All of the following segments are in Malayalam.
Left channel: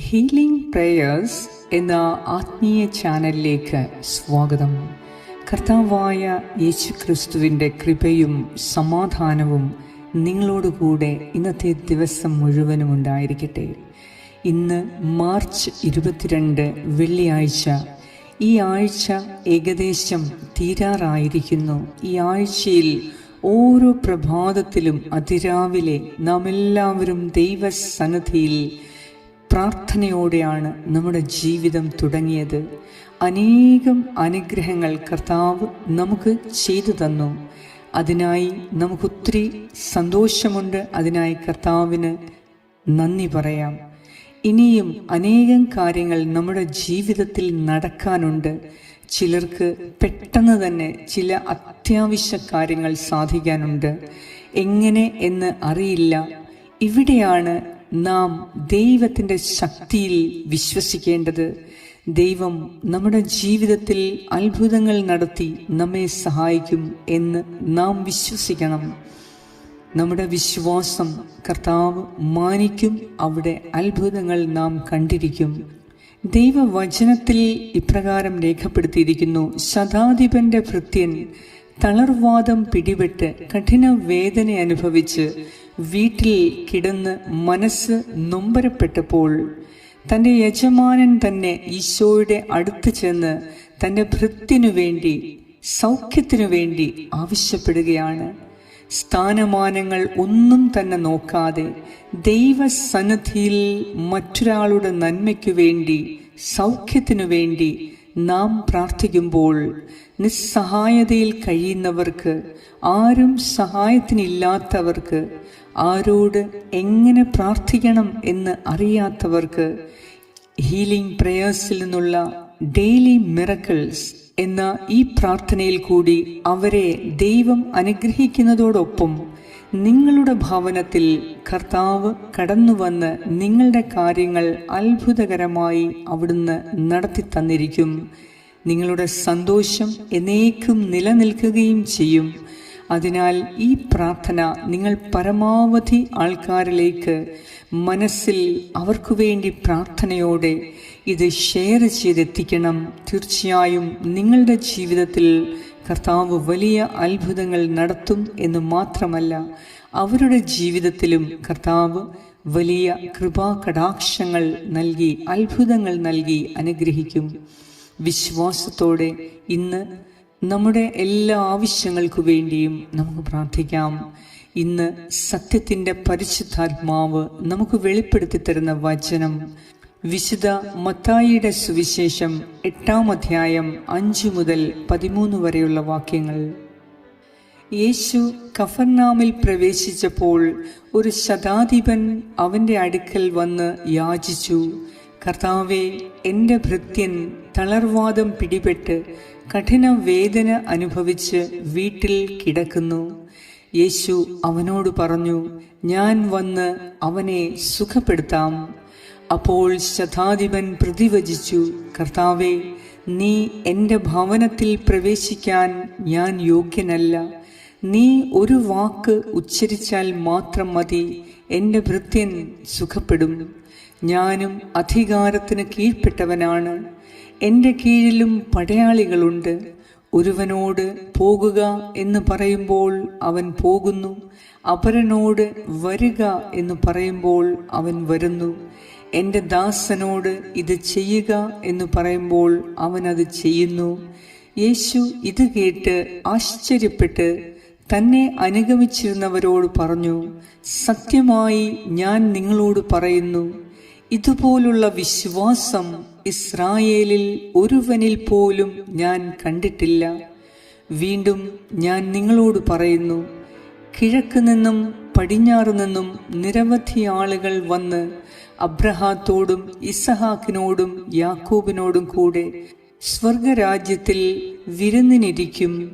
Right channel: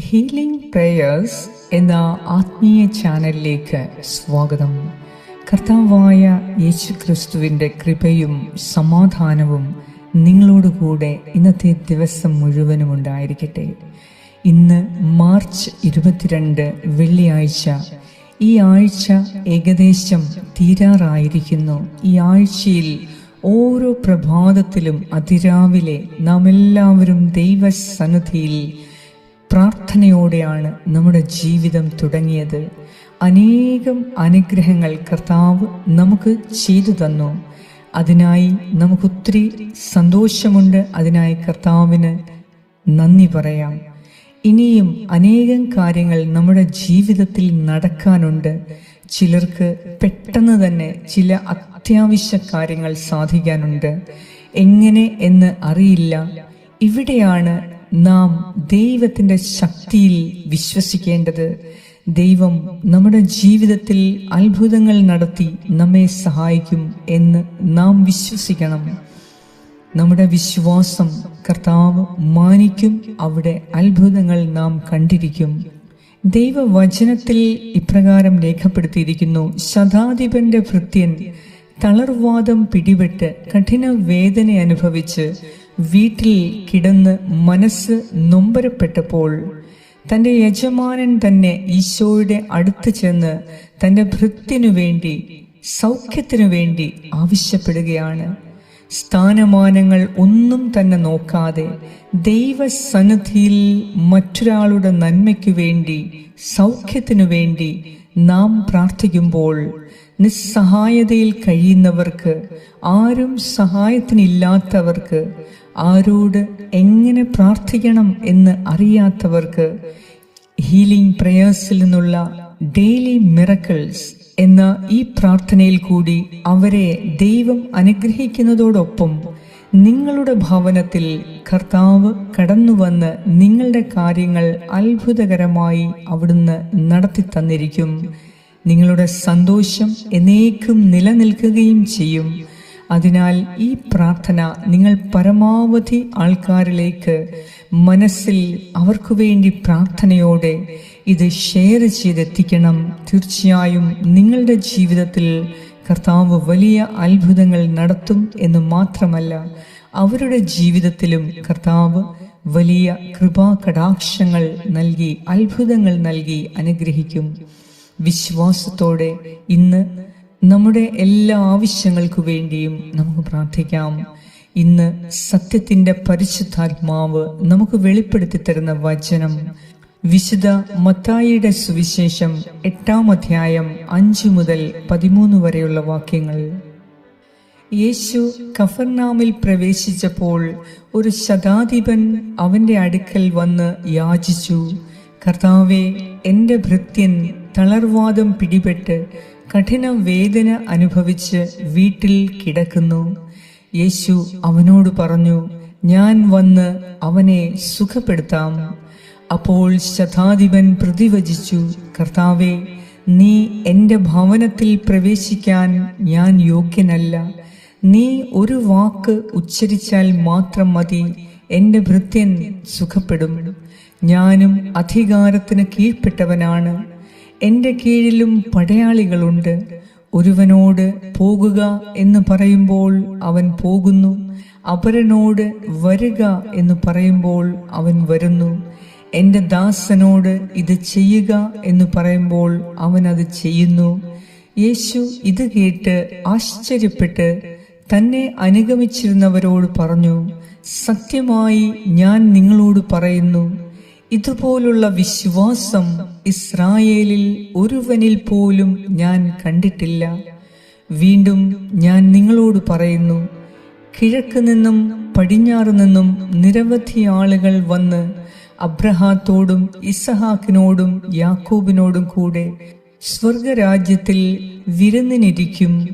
ഹീലിംഗ് പ്രേയേഴ്സ് എന്ന ആത്മീയ ചാനലിലേക്ക് സ്വാഗതം. കർത്താവായ യേശു ക്രിസ്തുവിന്റെ കൃപയും സമാധാനവും നിങ്ങളോടുകൂടെ ഇന്നത്തെ ദിവസം മുഴുവനും ഉണ്ടായിരിക്കട്ടെ. ഇന്ന് മാർച്ച് ഇരുപത്തിരണ്ട് വെള്ളിയാഴ്ച. ഈ ആഴ്ച ഏകദേശം തീരാറായിരിക്കുന്നു. ഈ ആഴ്ചയിൽ ഓരോ പ്രഭാതത്തിലും അതിരാവിലെ നാം എല്ലാവരും ദൈവസന്നിധിയിൽ പ്രാർത്ഥനയോടെയാണ് നമ്മുടെ ജീവിതം തുടങ്ങിയത്. അനേകം അനുഗ്രഹങ്ങൾ കർത്താവ് നമുക്ക് ചെയ്തു തന്നു. അതിനായി നമുക്കൊത്തിരി സന്തോഷമുണ്ട്. അതിനായി കർത്താവിന് നന്ദി പറയാം. ഇനിയും അനേകം കാര്യങ്ങൾ നമ്മുടെ ജീവിതത്തിൽ നടക്കാനുണ്ട്. ചിലർക്ക് പെട്ടെന്ന് തന്നെ ചില അത്യാവശ്യ കാര്യങ്ങൾ സാധിക്കാനുണ്ട്. എങ്ങനെ എന്ന് അറിയില്ല. ഇവിടെയാണ് നാം ദൈവത്തിന്റെ ശക്തിയിൽ വിശ്വസിക്കേണ്ടത് ദൈവം നമ്മുടെ ജീവിതത്തിൽ അത്ഭുതങ്ങൾ നടത്തി നമ്മെ സഹായിക്കും എന്ന് നാം വിശ്വസിക്കണം. നമ്മുടെ വിശ്വാസം കർത്താവ് മാനിക്കും അവിടെ അത്ഭുതങ്ങൾ നാം കണ്ടിരിക്കും. ദൈവവചനത്തിൽ ഇപ്രകാരം രേഖപ്പെടുത്തിയിരിക്കുന്നു ശതാധിപന്റെ ഭൃത്യൻ തളർവാദം പിടിപെട്ട് കഠിന വേദന അനുഭവിച്ച് വീട്ടിൽ കിടന്ന് മനസ്സ് നൊമ്പരപ്പെട്ടപ്പോൾ തന്റെ യജമാനൻ തന്നെ ഈശോയുടെ അടുത്ത് ചെന്ന് തന്റെ ഭൃത്തിനു വേണ്ടി സൗഖ്യത്തിനു വേണ്ടി ആവശ്യപ്പെടുകയാണ്. സ്ഥാനമാനങ്ങൾ ഒന്നും തന്നെ നോക്കാതെ ദൈവസന്നിധിയിൽ മറ്റൊരാളുടെ നന്മയ്ക്കു വേണ്ടി സൗഖ്യത്തിനു വേണ്ടി നാം പ്രാർത്ഥിക്കുമ്പോൾ നിസ്സഹായതയിൽ കഴിയുന്നവർക്ക് ആരും സഹായത്തിനില്ലാത്തവർക്ക് ആരോട് എങ്ങനെ പ്രാർത്ഥിക്കണം എന്ന് അറിയാത്തവർക്ക് ഹീലിംഗ് പ്രേയേഴ്സിൽ നിന്നുള്ള ഡെയിലി മിറക്കിൾസ് എന്ന ഈ പ്രാർത്ഥനയിൽ കൂടി അവരെ ദൈവം അനുഗ്രഹിക്കുന്നതോടൊപ്പം നിങ്ങളുടെ ഭവനത്തിൽ കർത്താവ് കടന്നു വന്ന് നിങ്ങളുടെ കാര്യങ്ങൾ അത്ഭുതകരമായി അവിടുന്ന് നടത്തി തന്നിരിക്കും. നിങ്ങളുടെ സന്തോഷം എന്നേക്കും നിലനിൽക്കുകയും ചെയ്യും. അതിനാൽ ഈ പ്രാർത്ഥന നിങ്ങൾ പരമാവധി ആൾക്കാരിലേക്ക് മനസ്സിൽ അവർക്കു വേണ്ടി പ്രാർത്ഥനയോടെ ഇത് ഷെയർ ചെയ്തെത്തിക്കണം. തീർച്ചയായും നിങ്ങളുടെ ജീവിതത്തിൽ കർത്താവ് വലിയ അത്ഭുതങ്ങൾ നടത്തും എന്ന് മാത്രമല്ല അവരുടെ ജീവിതത്തിലും കർത്താവ് വലിയ കൃപാ കടാക്ഷങ്ങൾ നൽകി അത്ഭുതങ്ങൾ നൽകി അനുഗ്രഹിക്കും. വിശ്വാസത്തോടെ ഇന്ന് നമ്മുടെ എല്ലാ ആവശ്യങ്ങൾക്കു വേണ്ടിയും നമുക്ക് പ്രാർത്ഥിക്കാം. ഇന്ന് സത്യത്തിന്റെ പരിശുദ്ധാത്മാവ് നമുക്ക് വെളിപ്പെടുത്തി തരുന്ന വചനം വിശുദ്ധ മത്തായിയുടെ സുവിശേഷം എട്ടാം അധ്യായം അഞ്ചു മുതൽ പതിമൂന്ന് വരെയുള്ള വാക്യങ്ങൾ. യേശു കഫർനാമിൽ പ്രവേശിച്ചപ്പോൾ ഒരു ശതാധിപൻ അവന്റെ അടുക്കൽ വന്ന് യാചിച്ചു. കർത്താവെ എന്റെ ഭൃത്യൻ തളർവാദം പിടിപെട്ട് കഠിന വേദന അനുഭവിച്ച് വീട്ടിൽ കിടക്കുന്നു. യേശു അവനോട് പറഞ്ഞു ഞാൻ വന്ന് അവനെ സുഖപ്പെടുത്താം. അപ്പോൾ ശതാധിപൻ പ്രതിവചിച്ചു കർത്താവെ നീ എന്റെ ഭവനത്തിൽ പ്രവേശിക്കാൻ ഞാൻ യോഗ്യനല്ല. നീ ഒരു വാക്ക് ഉച്ചരിച്ചാൽ മാത്രം മതി എന്റെ ഭൃത്യൻ സുഖപ്പെടും. ഞാനും അധികാരത്തിന് കീഴ്പ്പെട്ടവനാണ്. എന്റെ കീഴിലും പടയാളികളുണ്ട്. ഒരുവനോട് പോകുക എന്ന് പറയുമ്പോൾ അവൻ പോകുന്നു. അപരനോട് വരിക എന്ന് പറയുമ്പോൾ അവൻ വരുന്നു. എന്റെ ദാസനോട് ഇത് ചെയ്യുക എന്ന് പറയുമ്പോൾ അവൻ അത് ചെയ്യുന്നു. യേശു ഇത് കേട്ട് ആശ്ചര്യപ്പെട്ട് തന്നെ അനുഗമിച്ചിരുന്നവരോട് പറഞ്ഞു സത്യമായി ഞാൻ നിങ്ങളോട് പറയുന്നു ഇതുപോലുള്ള വിശ്വാസം ഇസ്രായേലിൽ ഒരുവനിൽ പോലും ഞാൻ കണ്ടിട്ടില്ല. വീണ്ടും ഞാൻ നിങ്ങളോട് പറയുന്നു കിഴക്ക് നിന്നും പടിഞ്ഞാറ് നിന്നും നിരവധി ആളുകൾ വന്ന് അബ്രഹാത്തോടും ഇസഹാക്കിനോടും യാക്കൂബിനോടും കൂടെ സ്വർഗരാജ്യത്തിൽ വിരുന്നിനിരിക്കും.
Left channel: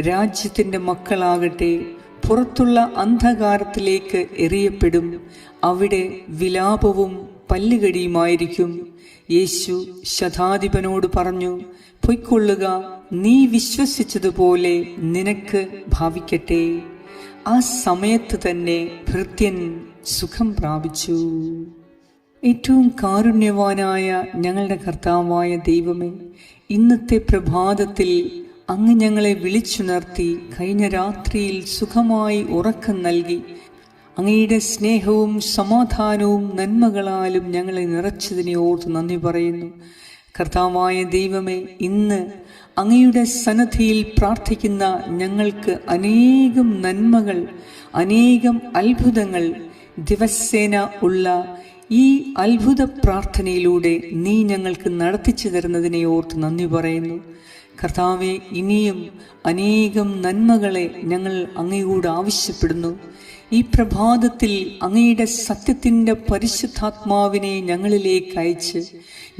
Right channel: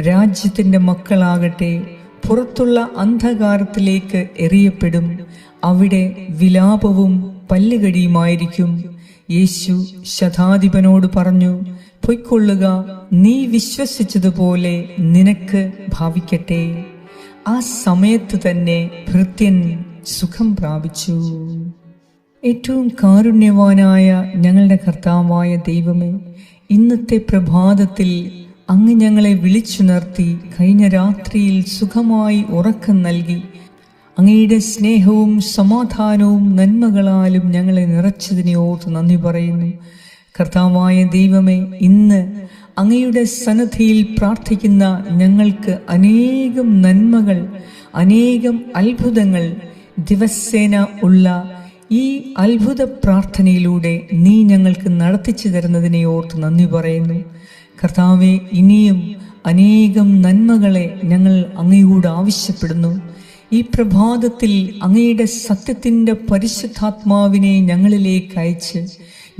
രാജ്യത്തിന്റെ മക്കളാകട്ടെ പുറത്തുള്ള അന്ധകാരത്തിലേക്ക് എറിയപ്പെടും. അവിടെ വിലാപവും പല്ലുകടിയുമായിരിക്കും. യേശു ശതാധിപനോട് പറഞ്ഞു പൊയ്ക്കൊള്ളുക നീ വിശ്വസിച്ചതുപോലെ നിനക്ക് ഭാവിക്കട്ടെ. ആ സമയത്ത് തന്നെ ഭൃത്യൻ സുഖം പ്രാപിച്ചു. ഏറ്റവും കാരുണ്യവാനായ ഞങ്ങളുടെ കർത്താവായ ദൈവമേ ഇന്നത്തെ പ്രഭാതത്തിൽ അങ്ങ് ഞങ്ങളെ വിളിച്ചുണർത്തി കഴിഞ്ഞ രാത്രിയിൽ സുഖമായി ഉറക്കം നൽകി അങ്ങയുടെ സ്നേഹവും സമാധാനവും നന്മകളാലും ഞങ്ങളെ നിറച്ചതിനെ ഓർത്ത് നന്ദി പറയുന്നു. കർത്താവായ ദൈവമേ ഇന്ന് അങ്ങയുടെ സന്നദ്ധിയിൽ പ്രാർത്ഥിക്കുന്ന ഞങ്ങൾക്ക് അനേകം നന്മകൾ അനേകം അത്ഭുതങ്ങൾ ദിവസേന ഉള്ള ഈ അത്ഭുത പ്രാർത്ഥനയിലൂടെ നീ ഞങ്ങൾക്ക് നടത്തിച്ചു തരുന്നതിനെ ഓർത്ത് നന്ദി പറയുന്നു. കർത്താവെ ഇനിയും അനേകം നന്മകളെ ഞങ്ങൾ അങ്ങയോട് ആവശ്യപ്പെടുന്നു. ഈ പ്രഭാതത്തിൽ അങ്ങയുടെ സത്യത്തിന്റെ പരിശുദ്ധാത്മാവിനെ ഞങ്ങളിലേക്ക് അയച്ച്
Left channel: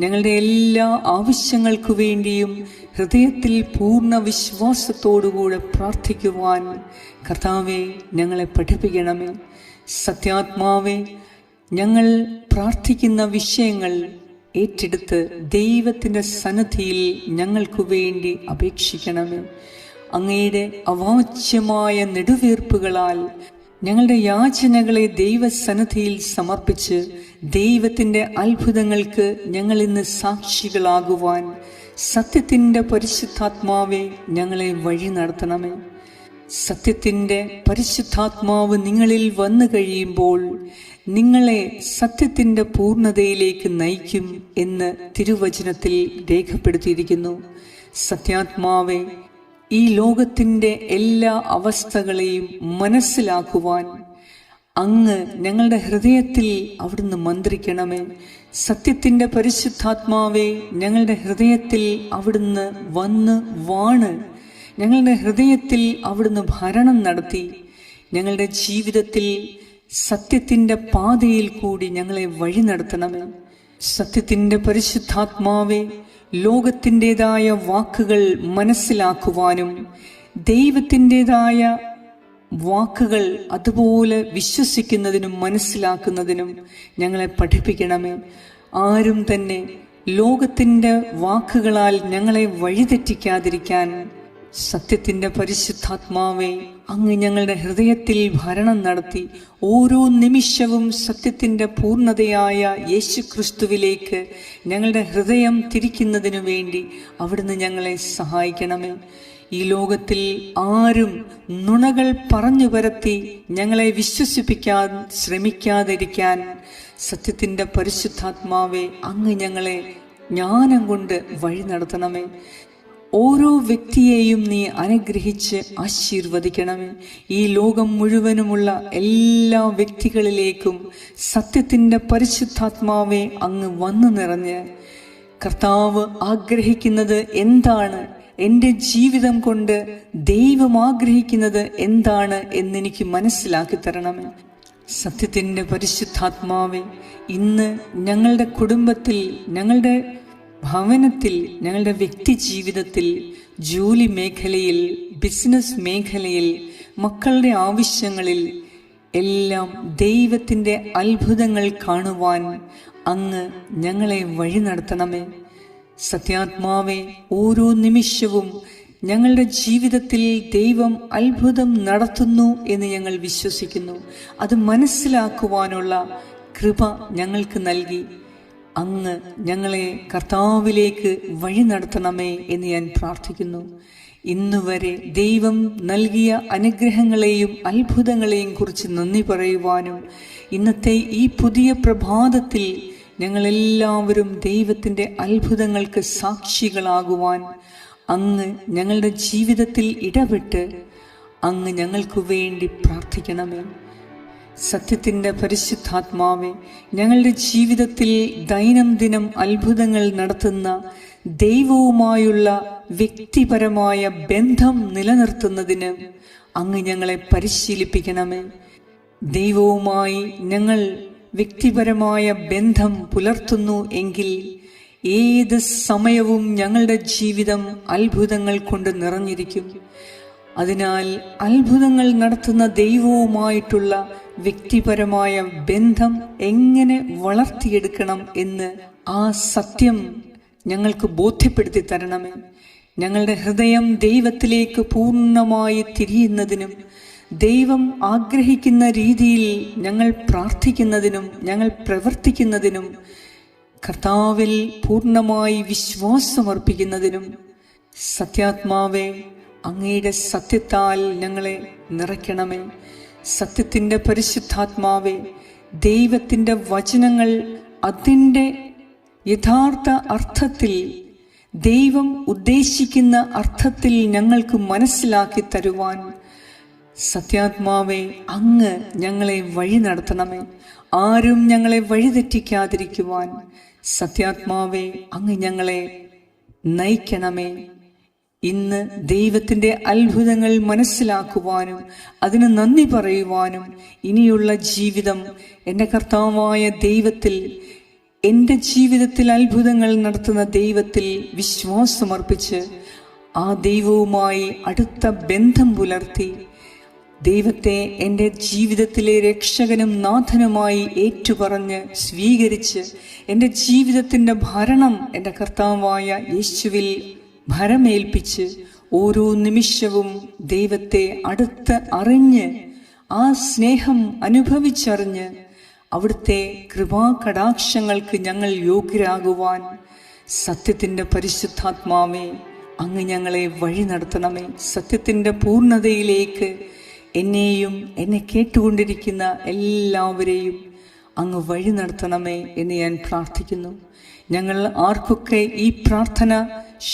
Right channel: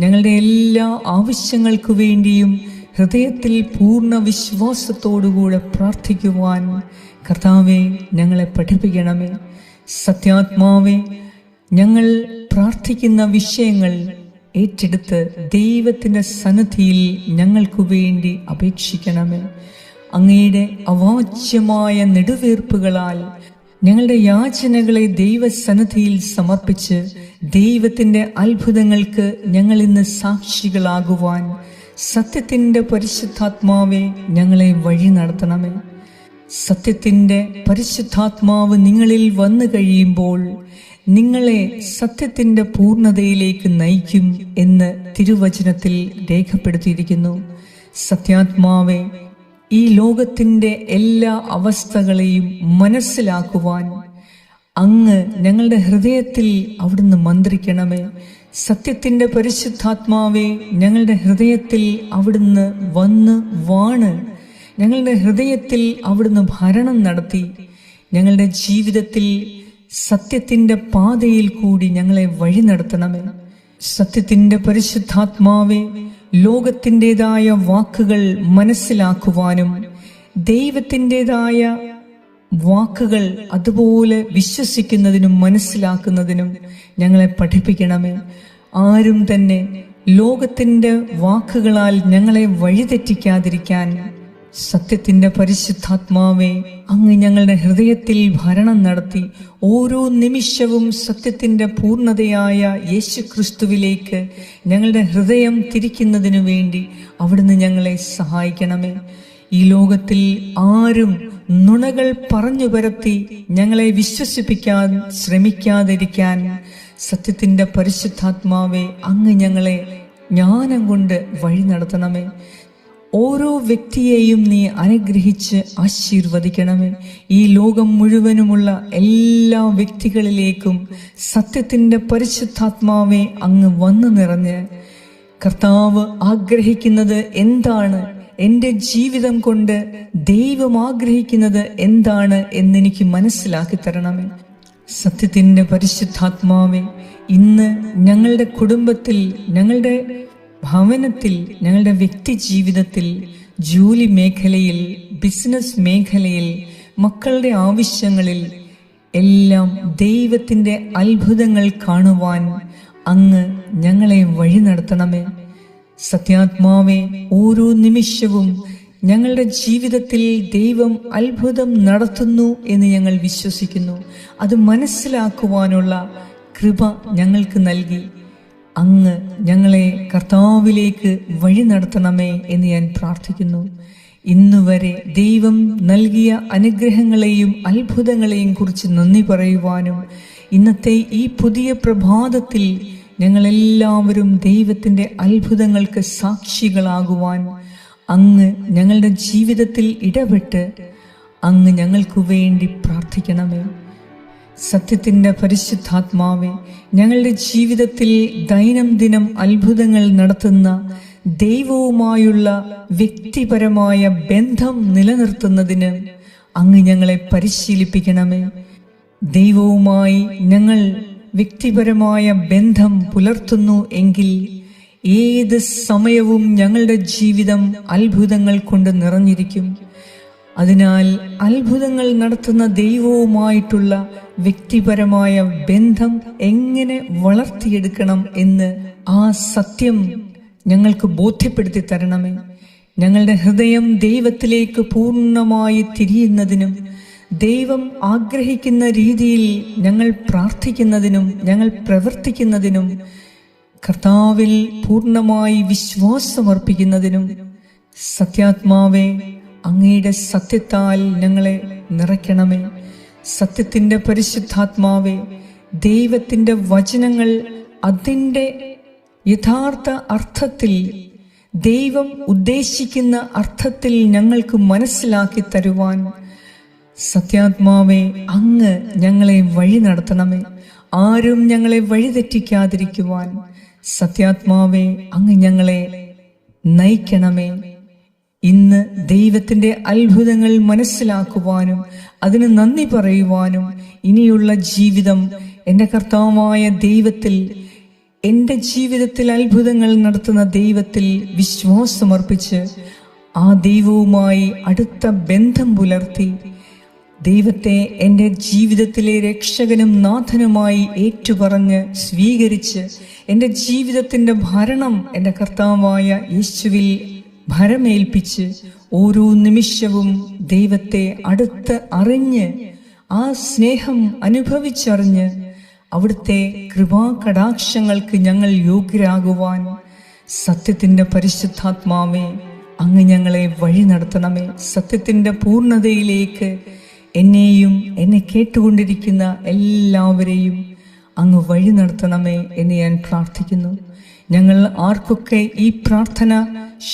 ഞങ്ങളുടെ എല്ലാ ആവശ്യങ്ങൾക്കു വേണ്ടിയും ഹൃദയത്തിൽ പൂർണ വിശ്വാസത്തോടുകൂടെ പ്രാർത്ഥിക്കുവാൻ കർത്താവെ ഞങ്ങളെ പഠിപ്പിക്കണമേ. സത്യാത്മാവെ ഞങ്ങൾ പ്രാർത്ഥിക്കുന്ന വിഷയങ്ങൾ ഏറ്റെടുത്ത് ദൈവത്തിന്റെ സന്നദ്ധിയിൽ ഞങ്ങൾക്കു വേണ്ടി അപേക്ഷിക്കണമേ. അങ്ങയുടെ അവാച്യമായ നെടുവീർപ്പുകളാൽ ഞങ്ങളുടെ യാചനകളെ ദൈവസന്നദ്ധിയിൽ സമർപ്പിച്ച് ദൈവത്തിന്റെ അത്ഭുതങ്ങൾക്ക് ഞങ്ങൾ ഇന്ന് സാക്ഷികളാകുവാൻ സത്യത്തിന്റെ പരിശുദ്ധാത്മാവെ ഞങ്ങളെ വഴി നടത്തണമേ. സത്യത്തിന്റെ പരിശുദ്ധാത്മാവ് നിങ്ങളിൽ വന്നു കഴിയുമ്പോൾ നിങ്ങളെ സത്യത്തിന്റെ പൂർണതയിലേക്ക് നയിക്കും എന്ന് തിരുവചനത്തിൽ രേഖപ്പെടുത്തിയിരിക്കുന്നു. സത്യാത്മാവെ ഈ ലോകത്തിന്റെ എല്ലാ അവസ്ഥകളെയും മനസ്സിലാക്കുവാൻ അങ്ങ് ഞങ്ങളുടെ ഹൃദയത്തിൽ അവിടുന്ന് മന്ത്രിക്കണമേ. സത്യത്തിന്റെ പരിശുദ്ധാത്മാവേ ഞങ്ങളുടെ ഹൃദയത്തിൽ അവിടുന്ന് വന്ന് വാണ്. ഞങ്ങളുടെ ഹൃദയത്തിൽ അവിടുന്ന് ഭരണം നടത്തി. ഞങ്ങളുടെ ജീവിതത്തിൽ സത്യത്തിന്റെ പാതയിൽ കൂടി ഞങ്ങളെ വഴി നടത്തണമേ. സത്യത്തിന്റെ പരിശുദ്ധാത്മാവെ ലോകത്തിന്റെതായ വാക്കുകൾ മനസ്സിലാക്കുവാനും ദൈവത്തിന്റെതായ വാക്കുകൾ അതുപോലെ വിശ്വസിക്കുന്നതിനും മനസ്സിലാക്കുന്നതിനും ഞങ്ങളെ പഠിപ്പിക്കണമേ. ആരും തന്നെ ലോകത്തിന്റെ വാക്കുകളാൽ ഞങ്ങളെ വഴിതെറ്റിക്കാതിരിക്കാൻ സത്യത്തിന്റെ പരിശുദ്ധാത്മാവെ അങ്ങ് ഞങ്ങളുടെ ഹൃദയത്തിൽ ഭരണം നടത്തി ഓരോ നിമിഷവും സത്യത്തിന്റെ പൂർണതയായ യേശു ക്രിസ്തുവിലേക്ക് ഞങ്ങളുടെ ഹൃദയം തിരിക്കുന്നതിനു വേണ്ടി അവിടുന്ന് ഞങ്ങളെ സഹായിക്കണമേ. ഈ ലോകത്തിൽ ആരും നുണകൾ പറഞ്ഞു പരത്തി ഞങ്ങളെ വിശ്വസിപ്പിക്കാൻ ശ്രമിക്കാതിരിക്കാൻ സത്യത്തിന്റെ പരിശുദ്ധാത്മാവെ അങ്ങ് ഞങ്ങളെ ജ്ഞാനം കൊണ്ട് വഴി നടത്തണമേ. ഓരോ വ്യക്തിയെയും നീ അനുഗ്രഹിച്ച് ആശീർവദിക്കണമേ. ഈ ലോകം മുഴുവനുമുള്ള എല്ലാ വ്യക്തികളിലേക്കും സത്യത്തിന്റെ പരിശുദ്ധാത്മാവെ അങ്ങ് വന്നു നിറഞ്ഞ്. കർത്താവ് ആഗ്രഹിക്കുന്നത് എന്താണ്? എന്റെ ജീവിതം കൊണ്ട് ദൈവം ആഗ്രഹിക്കുന്നത് എന്താണ് എന്നെനിക്ക് മനസ്സിലാക്കി തരണമേ. സത്യത്തിന്റെ പരിശുദ്ധാത്മാവെ ഇന്ന് ഞങ്ങളുടെ കുടുംബത്തിൽ ഞങ്ങളുടെ ഭവനത്തിൽ ഞങ്ങളുടെ വ്യക്തി ജീവിതത്തിൽ ജോലി മേഖലയിൽ ബിസിനസ് മേഖലയിൽ മക്കളുടെ ആവശ്യങ്ങളിൽ എല്ലാം ദൈവത്തിന്റെ അത്ഭുതങ്ങൾ കാണുവാൻ അങ്ങ് ഞങ്ങളെ വഴി നടത്തണമേ. സത്യാത്മാവെ ഓരോ നിമിഷവും ഞങ്ങളുടെ ജീവിതത്തിൽ ദൈവം അത്ഭുതം നടത്തുന്നു എന്ന് ഞങ്ങൾ വിശ്വസിക്കുന്നു. അത് മനസ്സിലാക്കുവാനുള്ള കൃപ ഞങ്ങൾക്ക് നൽകി. അങ്ങ് ഞങ്ങളെ കർത്താവിലേക്ക് വഴി നടത്തണമേ എന്ന് ഞാൻ പ്രാർത്ഥിക്കുന്നു. ഇന്നുവരെ ദൈവം നൽകിയ അനുഗ്രഹങ്ങളെയും അത്ഭുതങ്ങളെയും കുറിച്ച് നന്ദി പറയുവാനും ഇന്നത്തെ ഈ പുതിയ പ്രഭാതത്തിൽ ഞങ്ങളെല്ലാവരും ദൈവത്തിന്റെ അത്ഭുതങ്ങൾക്ക് സാക്ഷികളാകുവാൻ അങ്ങ് ഞങ്ങളുടെ ജീവിതത്തിൽ ഇടപെട്ട് അങ്ങ് ഞങ്ങൾക്കു വേണ്ടി പ്രാർത്ഥിക്കണമേ. സത്യത്തിന്റെ പരിശുദ്ധാത്മാവെ ഞങ്ങളുടെ ജീവിതത്തിൽ ദൈനംദിനം അത്ഭുതങ്ങൾ നടത്തുന്ന ദൈവവുമായുള്ള വ്യക്തിപരമായ ബന്ധം നിലനിർത്തുന്നതിന് അങ്ങ് ഞങ്ങളെ പരിശീലിപ്പിക്കണമേ. ദൈവവുമായി ഞങ്ങൾ വ്യക്തിപരമായ ബന്ധം പുലർത്തുന്നു എങ്കിൽ ഏത് സമയവും ഞങ്ങളുടെ ജീവിതം അത്ഭുതങ്ങൾ കൊണ്ട് നിറഞ്ഞിരിക്കും. അതിനാൽ അത്ഭുതങ്ങൾ നടത്തുന്ന ദൈവവുമായിട്ടുള്ള വ്യക്തിപരമായ ബന്ധം എങ്ങനെ വളർത്തിയെടുക്കണം എന്ന് ആ സത്യം ഞങ്ങൾക്ക് ബോധ്യപ്പെടുത്തി തരണമേ. ഞങ്ങളുടെ ഹൃദയം ദൈവത്തിലേക്ക് പൂർണമായി തിരിയുന്നതിനും ദൈവം ആഗ്രഹിക്കുന്ന രീതിയിൽ ഞങ്ങൾ പ്രാർത്ഥിക്കുന്നതിനും ഞങ്ങൾ പ്രവർത്തിക്കുന്നതിനും കർത്താവിൽ പൂർണമായി വിശ്വാസമർപ്പിക്കുന്നതിനും സത്യാത്മാവെ അങ്ങയുടെ സത്യത്താൽ ഞങ്ങളെ നിറയ്ക്കണമേ. സത്യത്തിന്റെ പരിശുദ്ധാത്മാവേ ദൈവത്തിന്റെ വചനങ്ങൾ അതിന്റെ യഥാർത്ഥ അർത്ഥത്തിൽ ദൈവം ഉദ്ദേശിക്കുന്ന അർത്ഥത്തിൽ ഞങ്ങൾക്ക് മനസ്സിലാക്കി തരുവാൻ സത്യാത്മാവേ അങ്ങ് ഞങ്ങളെ വഴി നടത്തണമേ. ആരും ഞങ്ങളെ വഴിതെറ്റിക്കാതിരിക്കുവാൻ സത്യാത്മാവേ അങ്ങ് ഞങ്ങളെ നയിക്കണമേ. ഇന്ന് ദൈവത്തിന്റെ അത്ഭുതങ്ങൾ മനസ്സിലാക്കുവാനും അതിന് നന്ദി പറയുവാനും ഇനിയുള്ള ജീവിതം എന്റെ കർത്താവായ ദൈവത്തിൽ എന്റെ ജീവിതത്തിൽ അത്ഭുതങ്ങൾ നടത്തുന്ന ദൈവത്തിൽ വിശ്വാസമർപ്പിച്ച് ആ ദൈവവുമായി അടുത്ത ബന്ധം പുലർത്തി ദൈവത്തെ എന്റെ ജീവിതത്തിലെ രക്ഷകനും നാഥനുമായി ഏറ്റുപറഞ്ഞ് സ്വീകരിച്ച് എന്റെ ജീവിതത്തിന്റെ ഭരണം എന്റെ കർത്താവായ യേശുവിൽ ഭരമേൽപ്പിച്ച് ഓരോ നിമിഷവും ദൈവത്തെ അടുത്ത് അറിഞ്ഞ് ആ സ്നേഹം അനുഭവിച്ചറിഞ്ഞ് അവിടുത്തെ കൃപാകടാക്ഷങ്ങൾക്ക് ഞങ്ങൾ യോഗ്യരാകുവാൻ സത്യത്തിന്റെ പരിശുദ്ധാത്മാവേ അങ്ങ് ഞങ്ങളെ വഴി നടത്തണമേ. സത്യത്തിന്റെ പൂർണതയിലേക്ക് എന്നെയും എന്നെ കേട്ടുകൊണ്ടിരിക്കുന്ന എല്ലാവരെയും അങ്ങ് വഴി നടത്തണമേ എന്ന് ഞാൻ പ്രാർത്ഥിക്കുന്നു. ഞങ്ങൾ ആർക്കൊക്കെ ഈ പ്രാർത്ഥന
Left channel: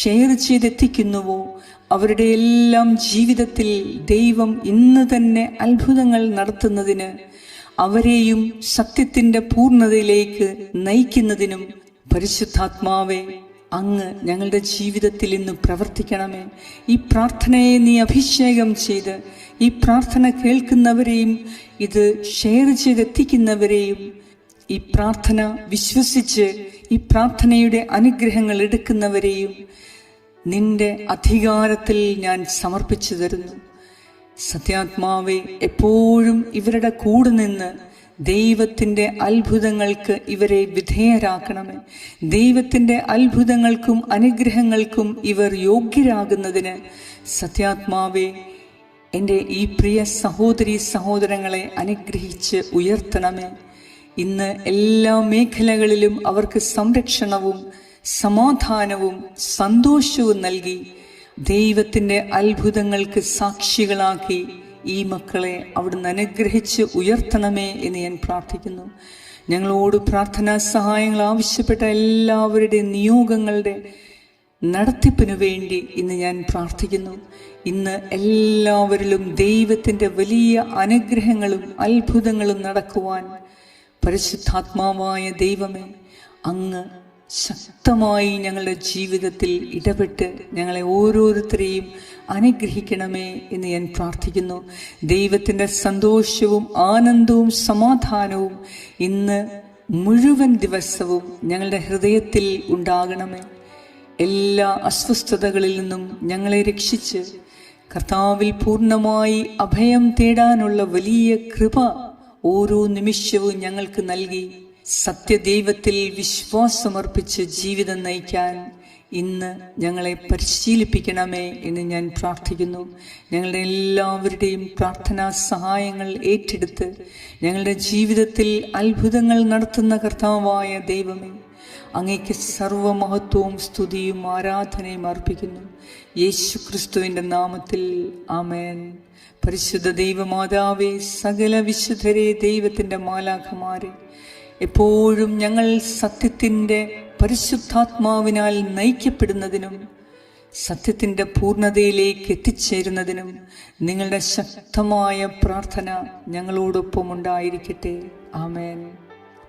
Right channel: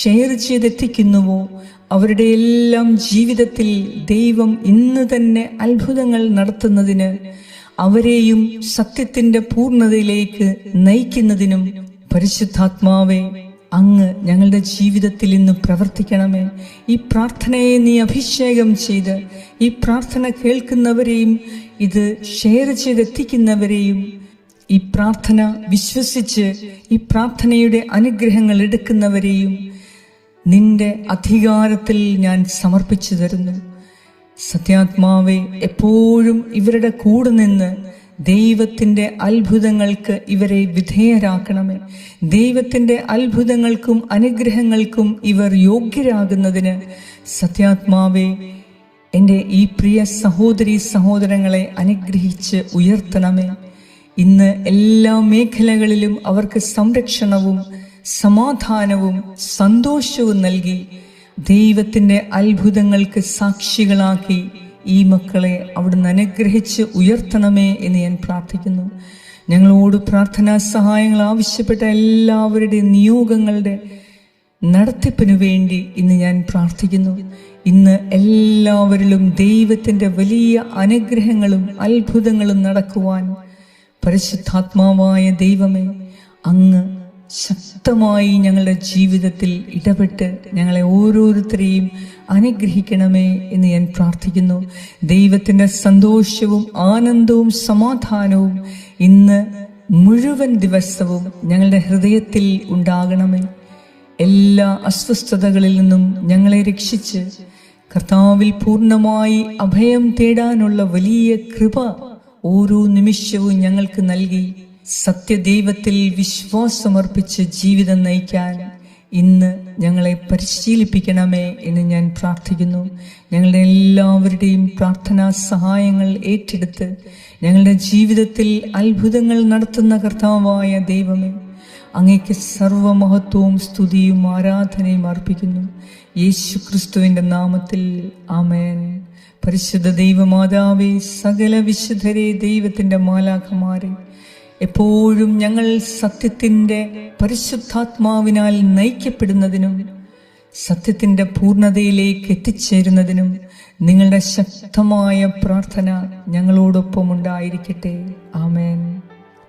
ഷെയർ ചെയ്തെത്തിക്കുന്നുവോ? അവരുടെ എല്ലാം ജീവിതത്തിൽ ദൈവം ഇന്ന് തന്നെ അത്ഭുതങ്ങൾ നടത്തുന്നതിന് അവരെയും സത്യത്തിന്റെ പൂർണതയിലേക്ക് നയിക്കുന്നതിനും പരിശുദ്ധാത്മാവേ അങ്ങ് ഞങ്ങളുടെ ജീവിതത്തിൽ ഇന്ന് പ്രവർത്തിക്കണമേ. ഈ പ്രാർത്ഥനയെ നീ അഭിഷേകം ചെയ്ത് ഈ പ്രാർത്ഥന കേൾക്കുന്നവരെയും ഇത് ഷെയർ ചെയ്തെത്തിക്കുന്നവരെയും ഈ പ്രാർത്ഥന വിശ്വസിച്ച് ഈ പ്രാർത്ഥനയുടെ അനുഗ്രഹങ്ങൾ എടുക്കുന്നവരെയും നിന്റെ അധികാരത്തിൽ ഞാൻ സമർപ്പിച്ചു തരുന്നു. സത്യാത്മാവെ എപ്പോഴും ഇവരുടെ കൂടെ നിന്ന് ദൈവത്തിന്റെ അത്ഭുതങ്ങൾക്ക് ഇവരെ വിധേയരാക്കണമേ. ദൈവത്തിന്റെ അത്ഭുതങ്ങൾക്കും അനുഗ്രഹങ്ങൾക്കും ഇവർ യോഗ്യരാകുന്നതിന് സത്യാത്മാവെ എന്റെ ഈ പ്രിയ സഹോദരി സഹോദരങ്ങളെ അനുഗ്രഹിച്ച് ഉയർത്തണമേ. ഇന്ന് എല്ലാ മേഖലകളിലും അവർക്ക് സംരക്ഷണവും സമാധാനവും സന്തോഷവും നൽകി ദൈവത്തിന്റെ അത്ഭുതങ്ങൾക്ക് സാക്ഷികളാക്കി ഈ മക്കളെ അവിടുന്ന് അനുഗ്രഹിച്ച് ഉയർത്തണമേ എന്ന് ഞാൻ പ്രാർത്ഥിക്കുന്നു. ഞങ്ങളോട് പ്രാർത്ഥനാ സഹായങ്ങൾ ആവശ്യപ്പെട്ട എല്ലാവരുടെ നിയോഗങ്ങളുടെ നടത്തിപ്പിനു വേണ്ടി ഇന്ന് ഞാൻ പ്രാർത്ഥിക്കുന്നു. ഇന്ന് എല്ലാവരിലും ദൈവത്തിന്റെ വലിയ അനുഗ്രഹങ്ങളും അത്ഭുതങ്ങളും നടക്കുവാൻ പരിശുദ്ധാത്മാവായ ദൈവമേ അങ്ങ് ശക്തമായി ഞങ്ങളുടെ ജീവിതത്തിൽ ഇടപെട്ട് ഞങ്ങളെ ഓരോരുത്തരെയും അനുഗ്രഹിക്കണമേ എന്ന് ഞാൻ പ്രാർത്ഥിക്കുന്നു. ദൈവത്തിന്റെ സന്തോഷവും ആനന്ദവും സമാധാനവും ഇന്ന് മുഴുവൻ ദിവസവും ഞങ്ങളുടെ ഹൃദയത്തിൽ ഉണ്ടാകണമേ. എല്ലാ അസ്വസ്ഥതകളിൽ നിന്നും ഞങ്ങളെ രക്ഷിച്ച് കർത്താവിൽ പൂർണമായി അഭയം തേടാനുള്ള വലിയ കൃപ ഓരോ നിമിഷവും ഞങ്ങൾക്ക് നൽകി സത്യദൈവത്തിൽ വിശ്വാസമർപ്പിച്ച് ജീവിതം നയിക്കാൻ ഇന്ന് ഞങ്ങളെ പരിശീലിപ്പിക്കണമേ എന്ന് ഞാൻ പ്രാർത്ഥിക്കുന്നു. ഞങ്ങളുടെ എല്ലാവരുടെയും പ്രാർത്ഥനാ സഹായങ്ങൾ ഏറ്റെടുത്ത് ഞങ്ങളുടെ ജീവിതത്തിൽ അത്ഭുതങ്ങൾ നടത്തുന്ന കർത്താവായ ദൈവമേ അങ്ങേക്ക് സർവമഹത്വവും സ്തുതിയും ആരാധനയും അർപ്പിക്കുന്നു. യേശു ക്രിസ്തുവിന്റെ നാമത്തിൽ ആമേൻ. പരിശുദ്ധ ദൈവമാതാവേ സകല വിശുദ്ധരെ ദൈവത്തിന്റെ മാലാഖമാരെ എപ്പോഴും ഞങ്ങൾ സത്യത്തിന്റെ പരിശുദ്ധാത്മാവിനാൽ നയിക്കപ്പെടുന്നതിനും സത്യത്തിന്റെ പൂർണതയിലേക്ക് എത്തിച്ചേരുന്നതിനും നിങ്ങളുടെ ശക്തമായ പ്രാർത്ഥന ഞങ്ങളോടൊപ്പം ഉണ്ടായിരിക്കട്ടെ. ആമേൻ.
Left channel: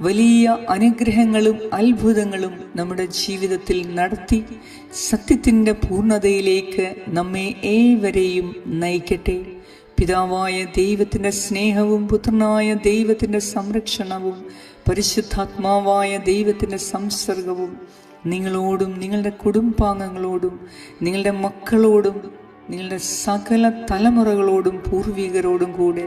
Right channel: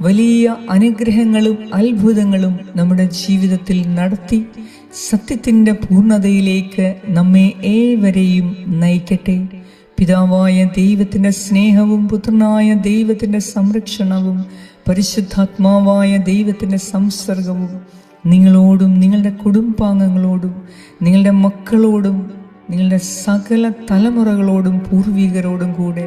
വലിയ അനുഗ്രഹങ്ങളും അത്ഭുതങ്ങളും നമ്മുടെ ജീവിതത്തിൽ നടത്തി സത്യത്തിന്റെ പൂർണതയിലേക്ക് നമ്മെ ഏവരെയും നയിക്കട്ടെ. പിതാവായ ദൈവത്തിന്റെ സ്നേഹവും പുത്രനായ ദൈവത്തിന്റെ സംരക്ഷണവും പരിശുദ്ധാത്മാവായ ദൈവത്തിന്റെ സംസർഗവും നിങ്ങളോടും നിങ്ങളുടെ കുടുംബാംഗങ്ങളോടും നിങ്ങളുടെ മക്കളോടും നിങ്ങളുടെ സകല തലമുറകളോടും പൂർവികരോടും കൂടെ